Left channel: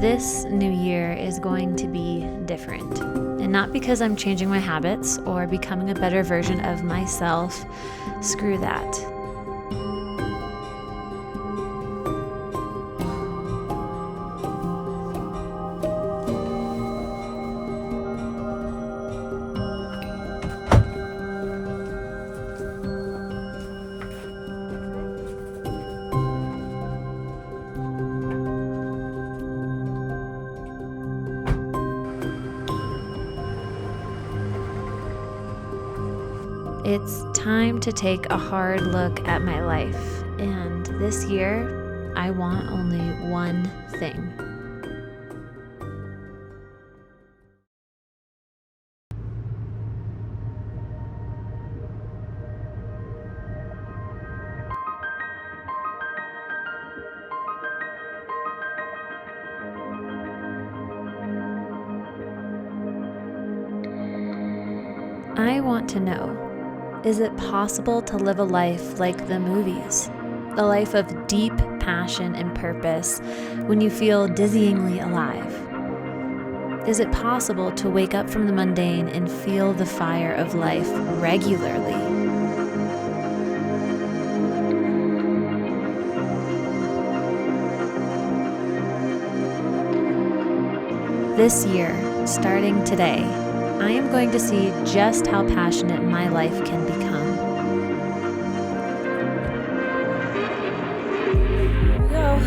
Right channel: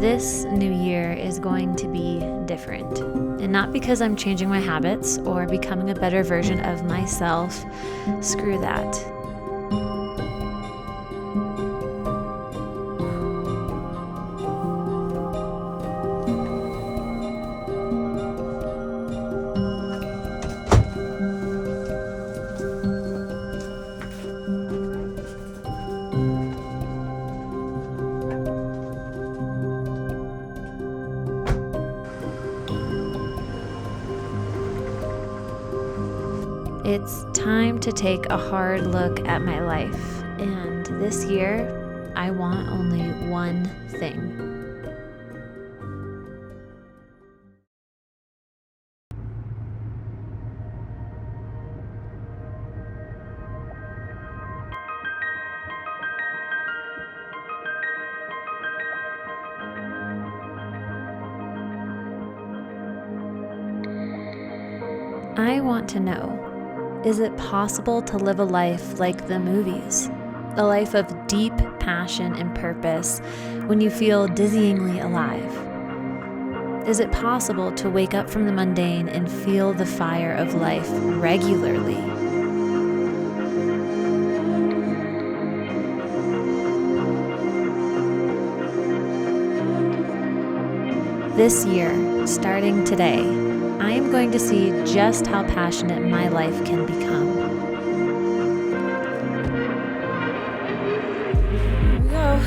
This new year is going to be different. And not because I'm changing my habits or becoming a better version of myself. Screw that. It's time to take a hard look at my life, and this year, I want only one thing. I want to know, is it possible to live a life like the movies? A life of deep passion and purpose when you feel dizzyingly alive? Is it possible to wake up from the mundane and feel the fire of life regularly? This year, starting today, I am going to see just how passionate my life can become. Here we go.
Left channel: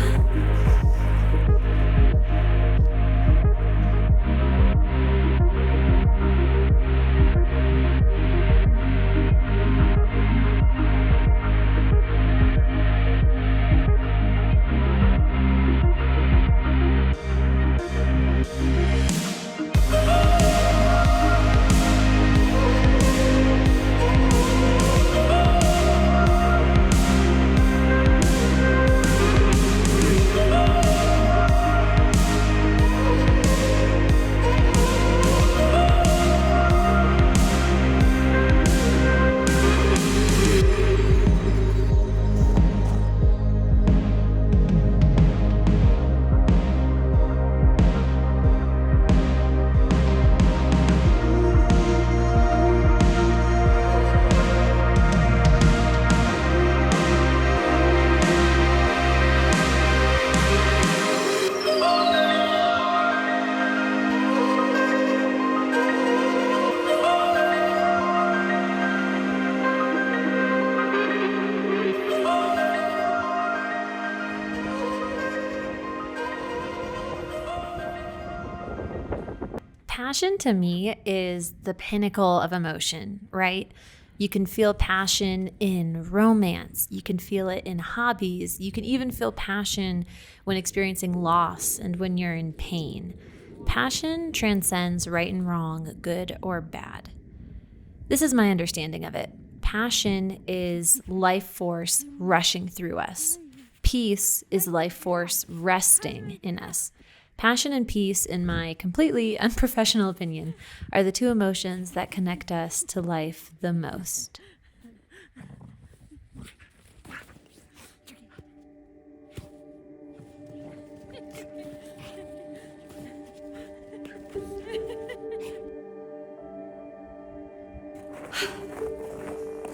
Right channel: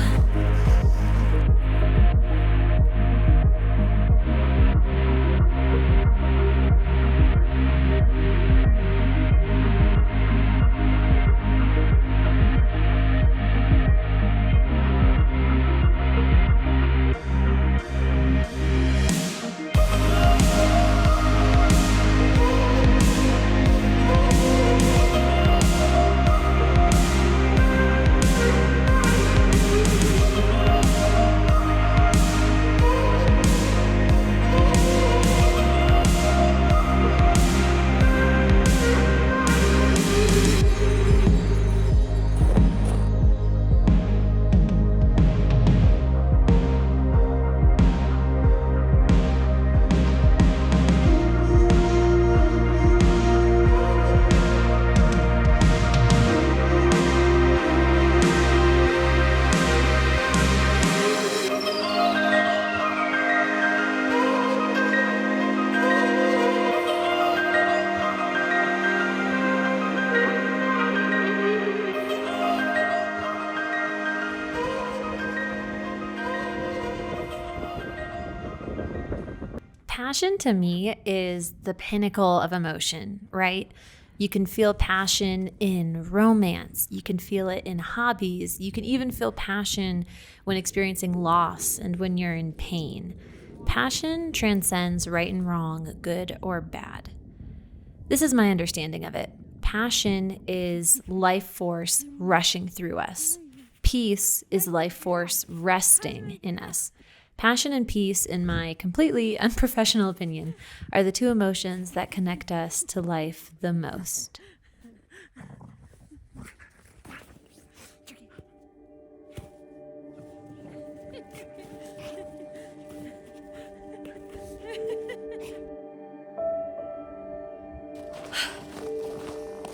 Passion to me is the pinnacle of emotion, right? You can feel passion in romance. You can feel it in hobbies. You can even feel passion when experiencing loss and when you're in pain. Passion transcends right and wrong, good or bad. This is my understanding of it. Passion is life force rushing through us. Peace is life force resting in us. Passion and peace, in my completely unprofessional opinion, are the two emotions that connect us to life the most.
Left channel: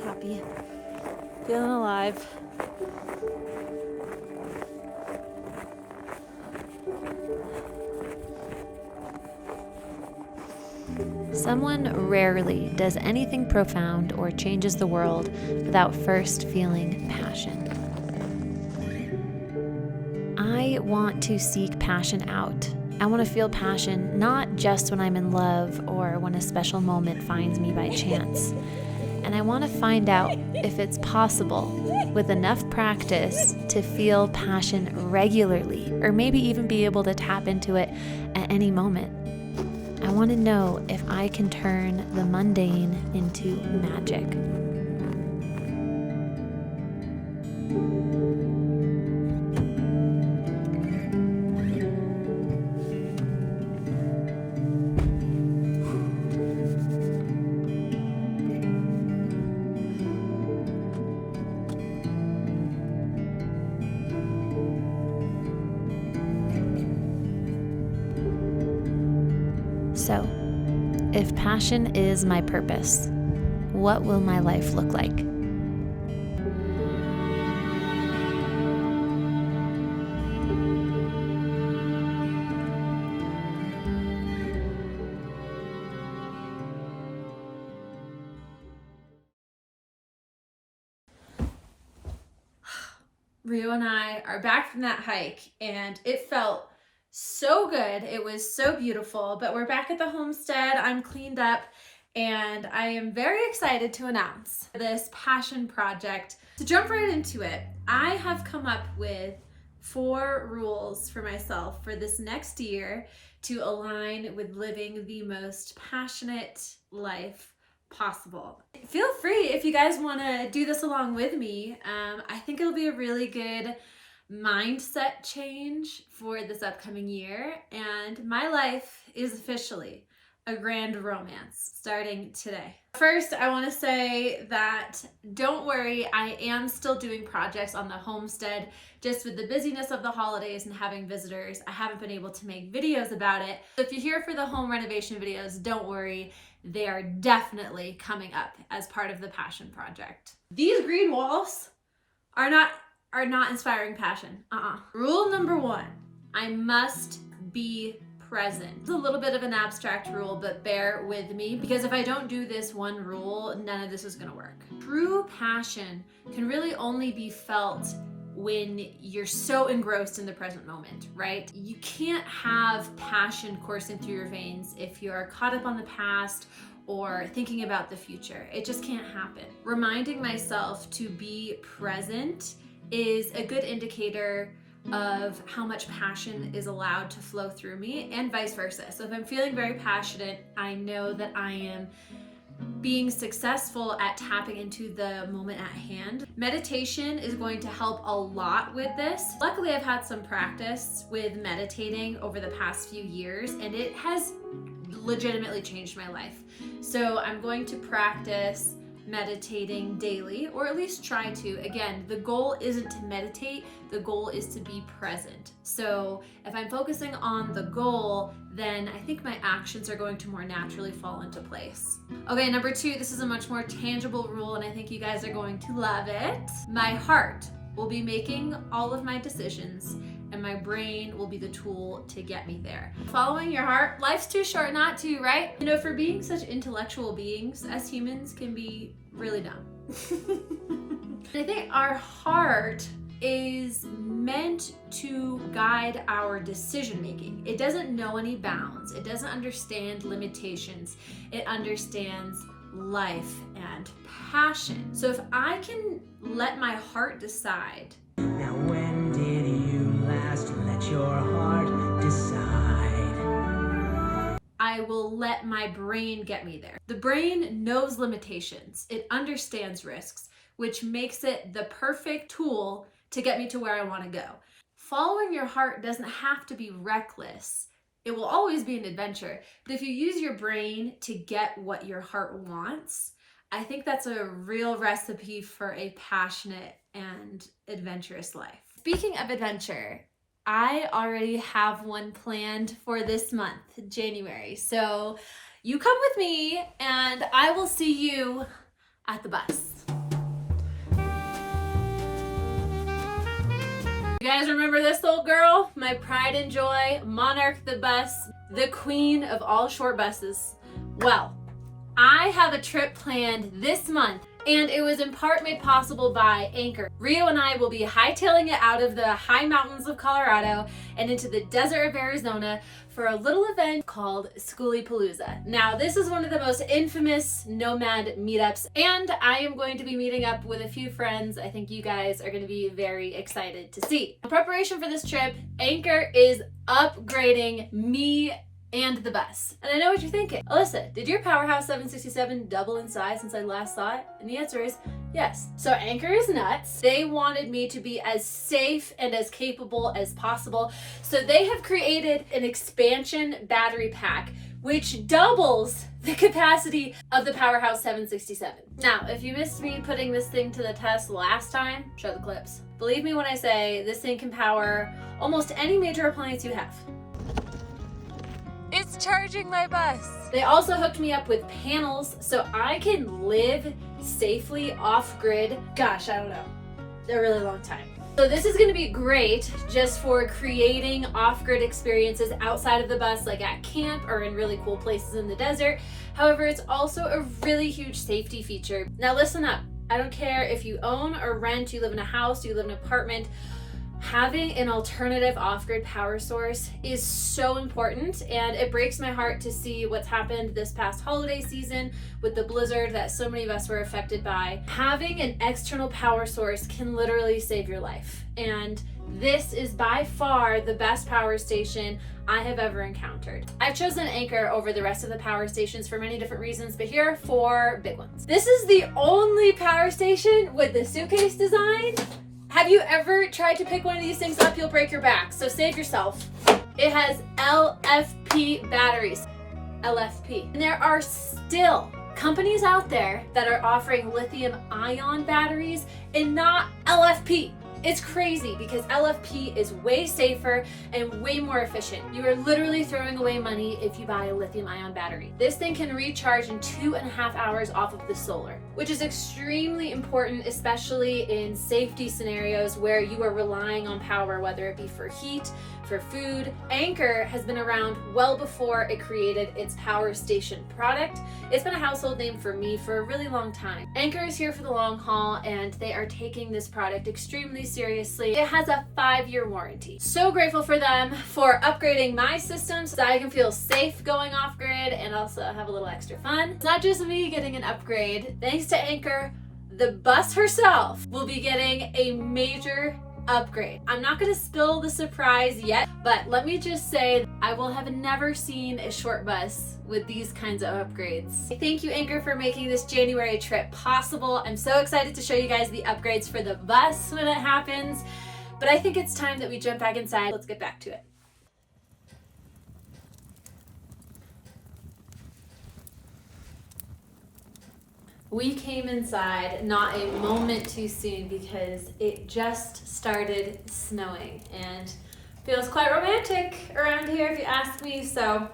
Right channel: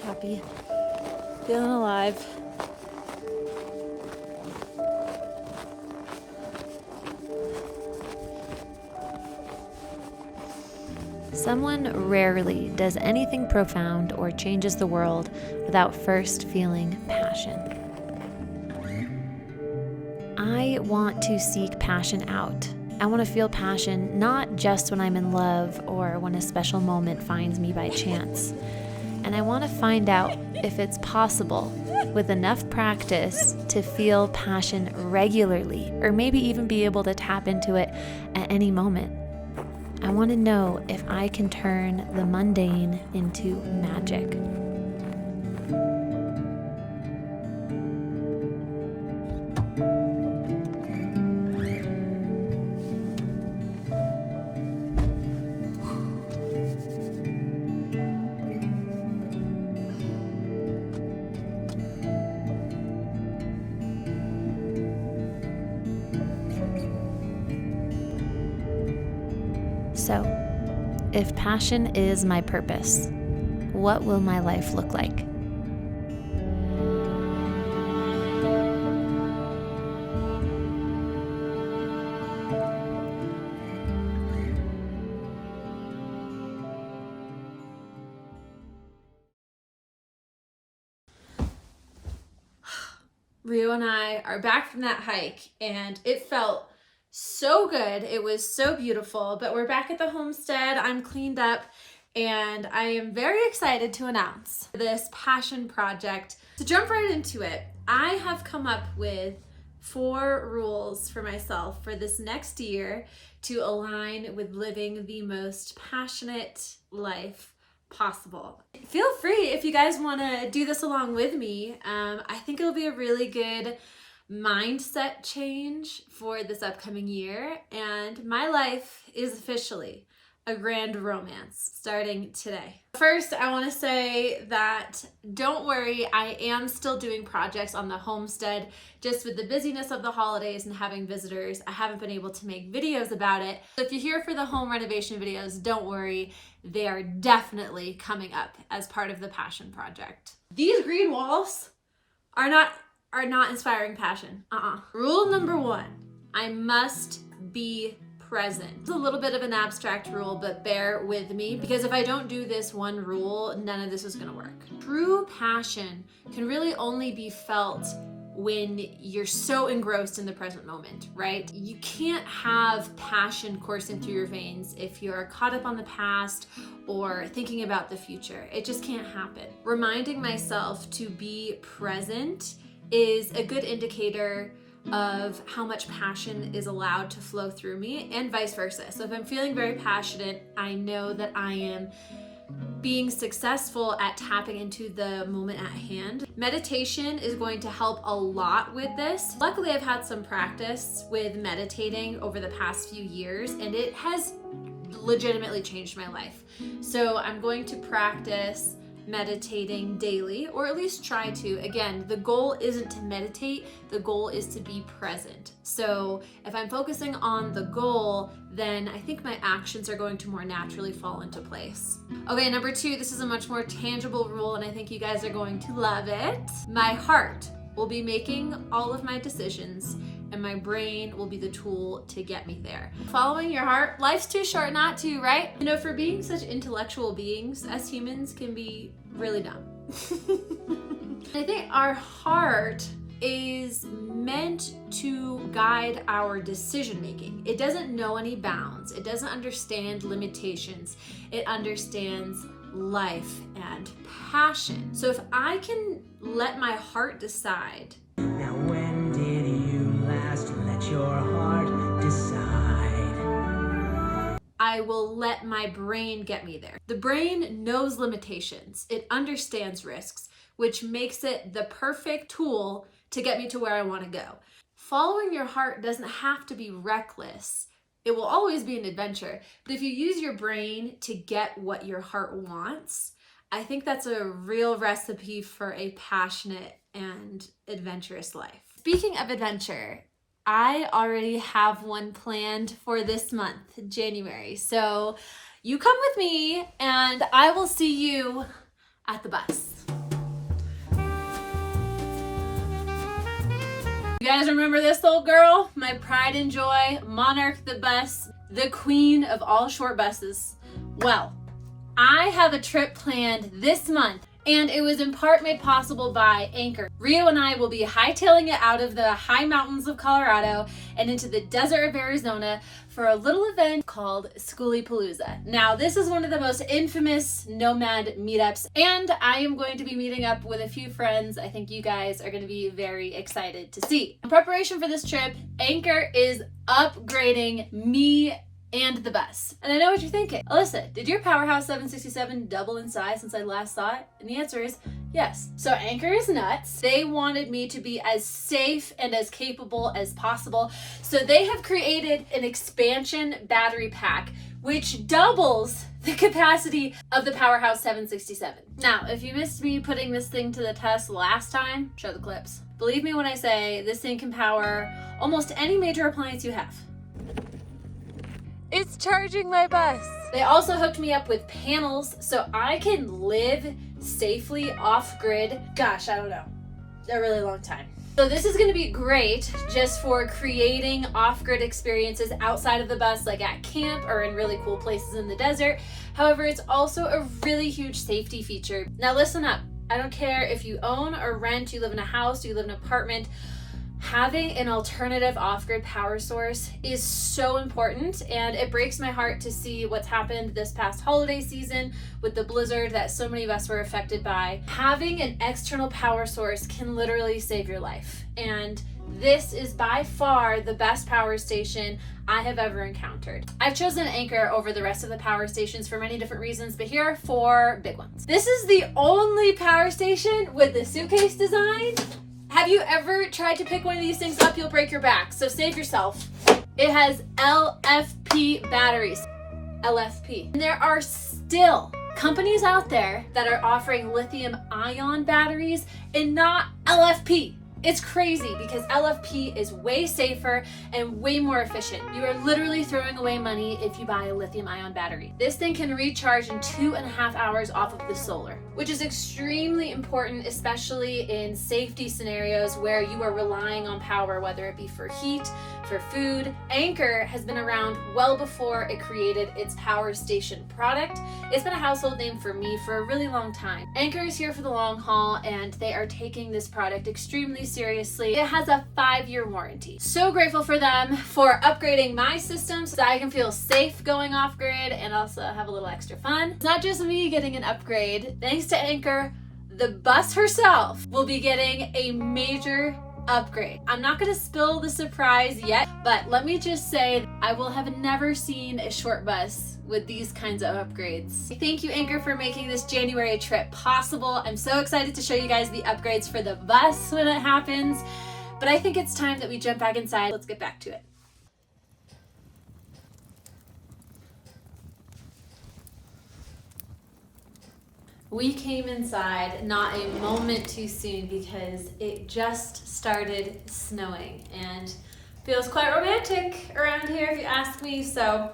Happy, feeling alive. Someone rarely does anything profound or changes the world without first feeling passion. I want to seek passion out. I want to feel passion not just when I'm in love or when a special moment finds me by chance. And I want to find out if it's possible, with enough practice, to feel passion regularly, or maybe even be able to tap into it at any moment. I want to know if I can turn the mundane into magic. So, if passion is my purpose, what will my life look like? Rio and I are back from that hike, and it felt so good. It was so beautiful, but we're back at the homestead. I'm cleaned up, and I am very excited to announce this passion project. To jump right into it, I have come up with 4 rules for myself for this next year to align with living the most passionate life possible. Feel free if you guys want to do this along with me. I think it'll be a really good mindset change for this upcoming year, and my life is officially a grand romance starting today. First, I want to say that don't worry, I am still doing projects on the homestead. Just with the busyness of the holidays and having visitors, I haven't been able to make videos about it. So if you're here for the home renovation videos, don't worry. They are definitely coming up as part of the passion project. These green walls are not inspiring passion. Rule number 1, I must be present. It's a little bit of an abstract rule, but bear with me, because if I don't do this one rule, none of this is gonna work. True passion can really only be felt when you're so engrossed in the present moment, right? You can't have passion coursing through your veins if you're caught up on the past or thinking about the future. It just can't happen. Reminding myself to be present is a good indicator of how much passion is allowed to flow through me, and vice versa. So if I'm feeling very passionate, I know that I am being successful at tapping into the moment at hand. Meditation is going to help a lot with this. Luckily, I've had some practice with meditating over the past few years, and it has legitimately changed my life. So I'm going to practice meditating daily, or at least try to. Again, the goal isn't to meditate, the goal is to be present. So if I'm focusing on the goal, then I think my actions are going to more naturally fall into place. Okay, number 2, this is a much more tangible rule, and I think you guys are going to love it. My heart will be making all of my decisions, and my brain will be the tool to get me there. Following your heart, life's too short not to, right? You know, for being such intellectual beings, us humans can be really dumb. I think our heart is meant to guide our decision making. It doesn't know any bounds. It doesn't understand limitations. It understands life and passion. So if I can let my heart decide. Now when did you last let your heart decide? I will let my brain get me there. The brain knows limitations. It understands risks, which makes it the perfect tool to get me to where I want to go. Following your heart doesn't have to be reckless. It will always be an adventure. But if you use your brain to get what your heart wants, I think that's a real recipe for a passionate and adventurous life. Speaking of adventure, I already have one planned for this month, January. So you come with me and I will see you at the bus. You guys remember this old girl? My pride and joy, Monarch the bus, the queen of all short buses. Well, I have a trip planned this month, and it was in part made possible by Anchor. Rio and I will be hightailing it out of the high mountains of Colorado and into the desert of Arizona for a little event called SKOOLIE PALOOZA. Now, this is one of the most infamous nomad meetups, and I am going to be meeting up with a few friends I think you guys are going to be very excited to see. In preparation for this trip, Anchor is upgrading me and the bus. And I know what you're thinking. Alyssa, did your Powerhouse 767 double in size since I last saw it? And the answer is yes. So Anchor is nuts. They wanted me to be as safe and as capable as possible. So they have created an expansion battery pack which doubles the capacity of the Powerhouse 767. Now, if you missed me putting this thing to the test last time, show the clips. Believe me when I say this thing can power almost any major appliance you have. It's charging my bus. They also hooked me up with panels so I can live safely off-grid. Gosh, I don't know, a really long time. So this is gonna be great just for creating off-grid experiences outside of the bus, like at camp or in really cool places in the desert. However, it's also a really huge safety feature. Now listen up, I don't care if you own or rent, you live in a house, you live in an apartment, having an alternative off-grid power source is so important, and it breaks my heart to see what's happened this past holiday season with the blizzard that so many of us were affected by. Having an external power source can literally save your life, and this is by far the best power station I have ever encountered. I've chosen Anchor over the rest of the power stations for many different reasons, but here are 4 big ones. This is the only power station with the suitcase design. Have you ever tried to pick one of these things up? You'll break your back, so save yourself. It has LFP batteries. LFP. And there are still companies out there that are offering lithium-ion batteries and not LFP. It's crazy because LFP is way safer and way more efficient. You are literally throwing away money if you buy a lithium-ion battery. This thing can recharge in 2.5 hours off of the solar, which is extremely important, especially in safety scenarios where you are relying on power, whether it be for heat, for food. Anchor has been around well before it created its power station product. It's been a household name for me for a really long time. Anchor is here for the long haul, and they are taking this product extremely seriously. It has a 5-year warranty. So grateful for them for upgrading my system so that I can feel safe going off grid and also have a little extra fun. It's not just me getting an upgrade. Thanks to Anchor, the bus herself will be getting a major upgrade. I'm not going to spill the surprise yet, but let me just say I will have never seen a short bus with these kinds of upgrades. Thank you, Anchor, for making this January trip possible. I'm so excited to show you guys the upgrades for the bus when it happens, but I think it's time that we jump back inside. Let's get back to it. We came inside not a moment too soon because it just started snowing and feels quite romantic around here if you ask me. So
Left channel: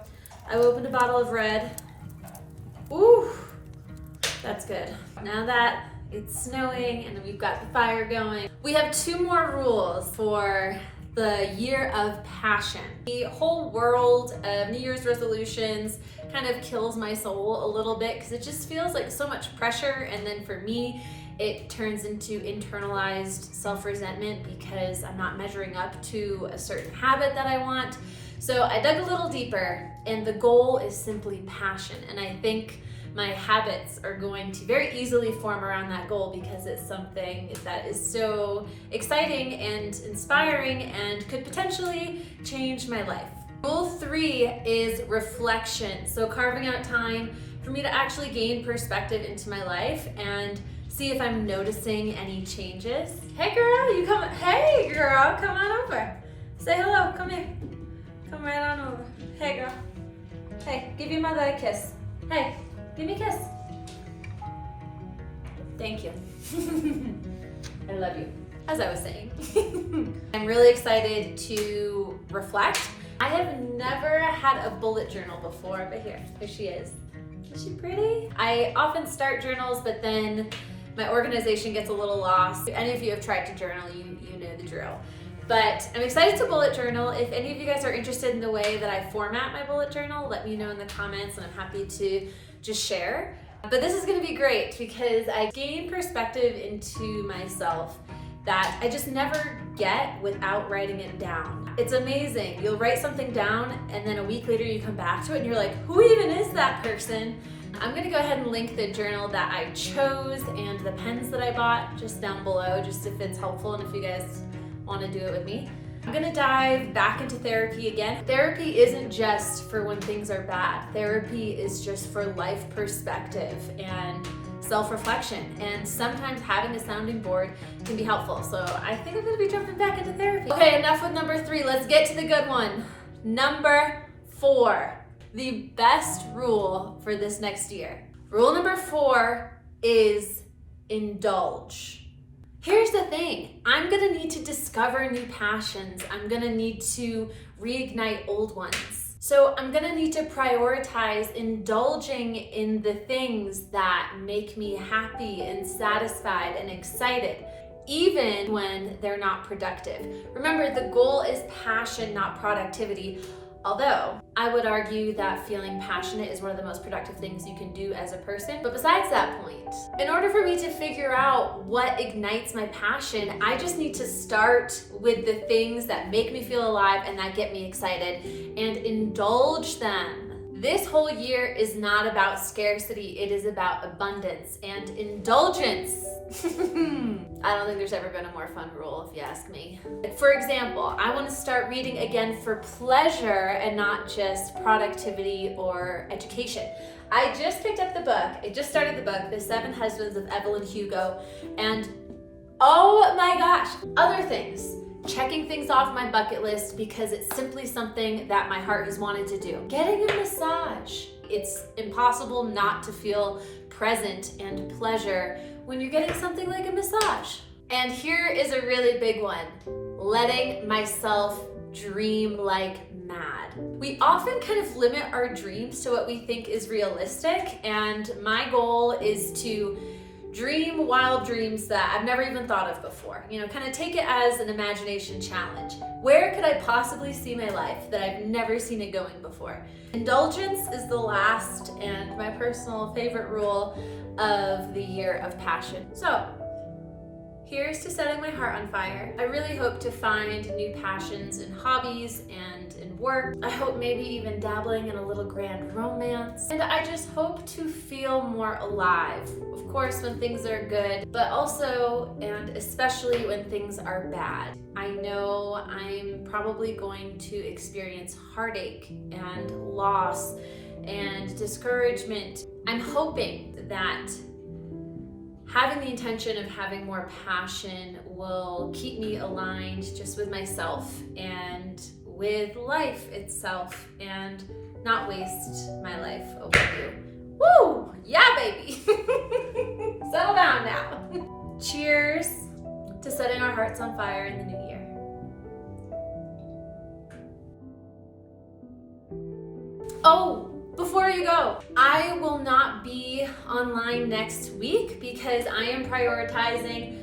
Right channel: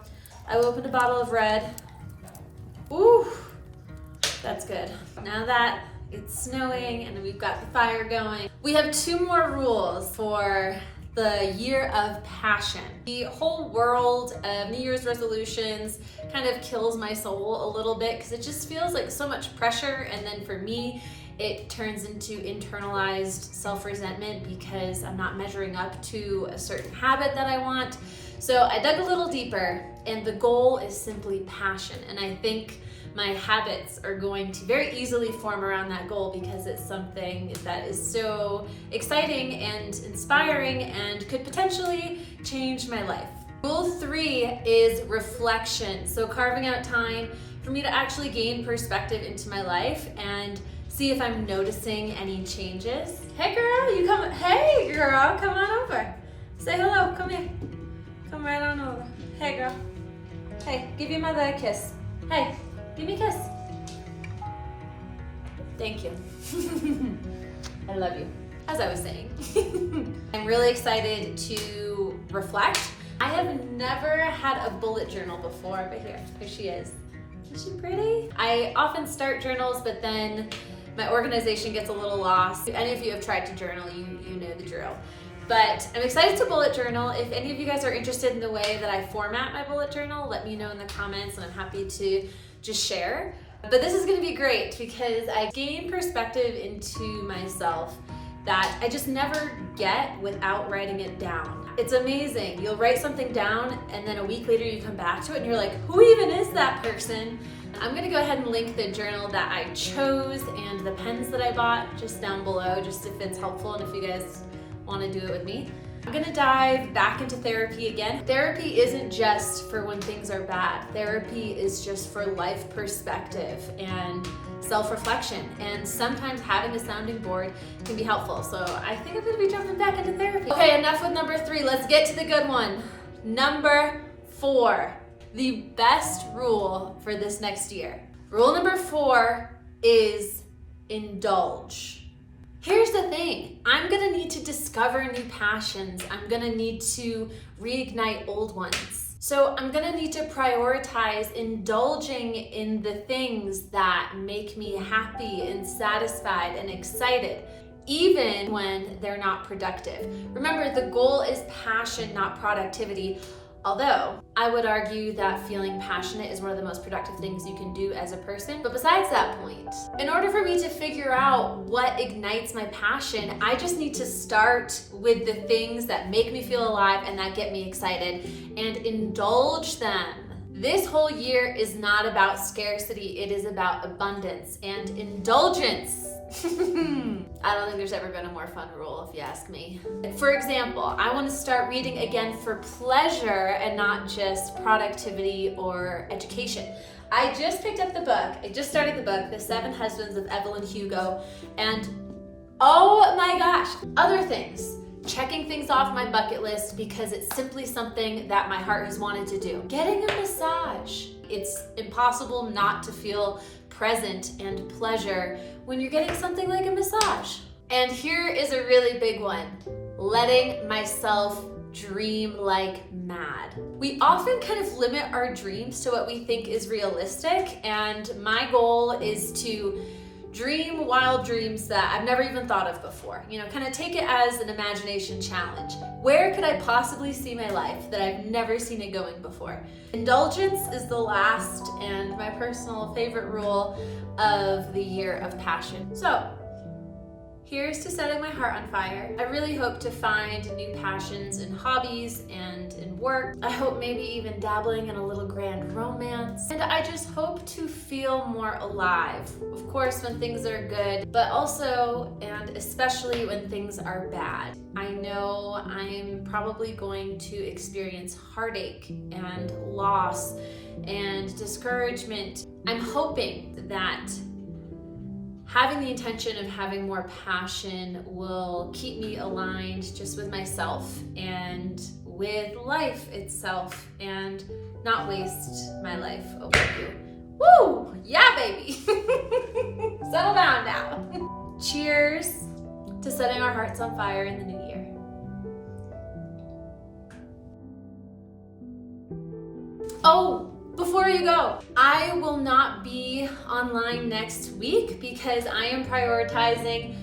I opened a bottle of red. Ooh, that's good. Now that it's snowing and we've got the fire going, we have 2 more rules for the year of passion. The whole world of New Year's resolutions kind of kills my soul a little bit because it just feels like so much pressure, and then for me it turns into internalized self-resentment because I'm not measuring up to a certain habit that I want. So I dug a little deeper, and the goal is simply passion, and I think my habits are going to very easily form around that goal because it's something that is so exciting and inspiring and could potentially change my life. Rule 3 is reflection. So carving out time for me to actually gain perspective into my life and see if I'm noticing any changes. Hey girl, you come, hey girl, come on over. Say hello, come here. Come right on over. Hey girl. Hey, give your mother a kiss. Hey. Give me a kiss. Thank you. I love you. As I was saying, I'm really excited to reflect. I have never had a bullet journal before, but here she is. Is she pretty? I often start journals, but then my organization gets a little lost. If any of you have tried to journal, you know the drill. But I'm excited to bullet journal. If any of you guys are interested in the way that I format my bullet journal, let me know in the comments, and I'm happy to just share. But this is going to be great because I gain perspective into myself that I just never get without writing it down. It's amazing. You'll write something down and then a week later you come back to it and you're like, who even is that person? I'm gonna go ahead and link the journal that I chose and the pens that I bought just down below, just if it's helpful and if you guys want to do it with me. I'm gonna dive back into therapy again. Therapy isn't just for when things are bad. Therapy is just for life perspective and self-reflection. And sometimes having a sounding board can be helpful. So I think I'm gonna be jumping back into therapy. Okay, enough with number 3. Let's get to the good one. Number 4, the best rule for this next year. Rule number 4 is indulge. Here's the thing, I'm gonna need to discover new passions. I'm gonna need to reignite old ones. So I'm gonna need to prioritize indulging in the things that make me happy and satisfied and excited, even when they're not productive. Remember, the goal is passion, not productivity. Although I would argue that feeling passionate is one of the most productive things you can do as a person. But besides that point, in order for me to figure out what ignites my passion, I just need to start with the things that make me feel alive and that get me excited and indulge them. This whole year is not about scarcity, it is about abundance and indulgence. I don't think there's ever been a more fun rule, if you ask me. For example, I want to start reading again for pleasure and not just productivity or education. I just picked up the book. I just started the book, The 7 Husbands of Evelyn Hugo, and oh my gosh, other things. Checking things off my bucket list because it's simply something that my heart has wanted to do. Getting a massage. It's impossible not to feel present and pleasure when you're getting something like a massage. And here is a really big one. Letting myself dream like mad. We often kind of limit our dreams to what we think is realistic, and my goal is to dream wild dreams that I've never even thought of before. You know, kind of take it as an imagination challenge. Where could I possibly see my life that I've never seen it going before? Indulgence is the last and my personal favorite rule of the year of passion. So, here's to setting my heart on fire. I really hope to find new passions in hobbies and in work. I hope maybe even dabbling in a little grand romance. And I just hope to feel more alive. Of course, when things are good, but also and especially when things are bad. I know I'm probably going to experience heartache and loss and discouragement. I'm hoping that having the intention of having more passion will keep me aligned just with myself and with life itself and not waste my life over you. Woo! Yeah, baby! Settle down now. Cheers to setting our hearts on fire in the new year. Oh! Before you go, I will not be online next week because I am prioritizing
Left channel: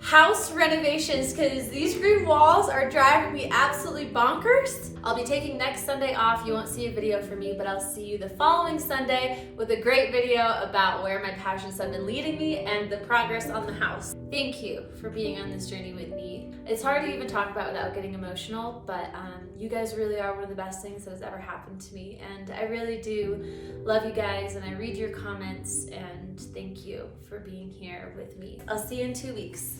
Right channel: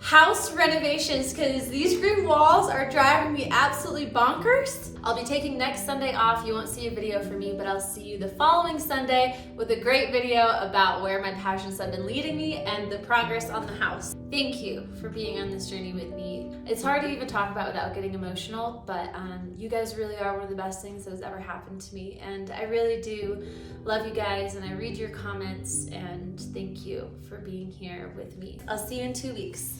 house renovations because these green walls are driving me absolutely bonkers. I'll be taking next Sunday off. You won't see a video from me, but I'll see you the following Sunday with a great video about where my passions have been leading me and the progress on the house. Thank you for being on this journey with me. It's hard to even talk about without getting emotional, but you guys really are one of the best things that has ever happened to me, and I really do love you guys, and I read your comments, and thank you for being here with me. I'll see you in 2 weeks.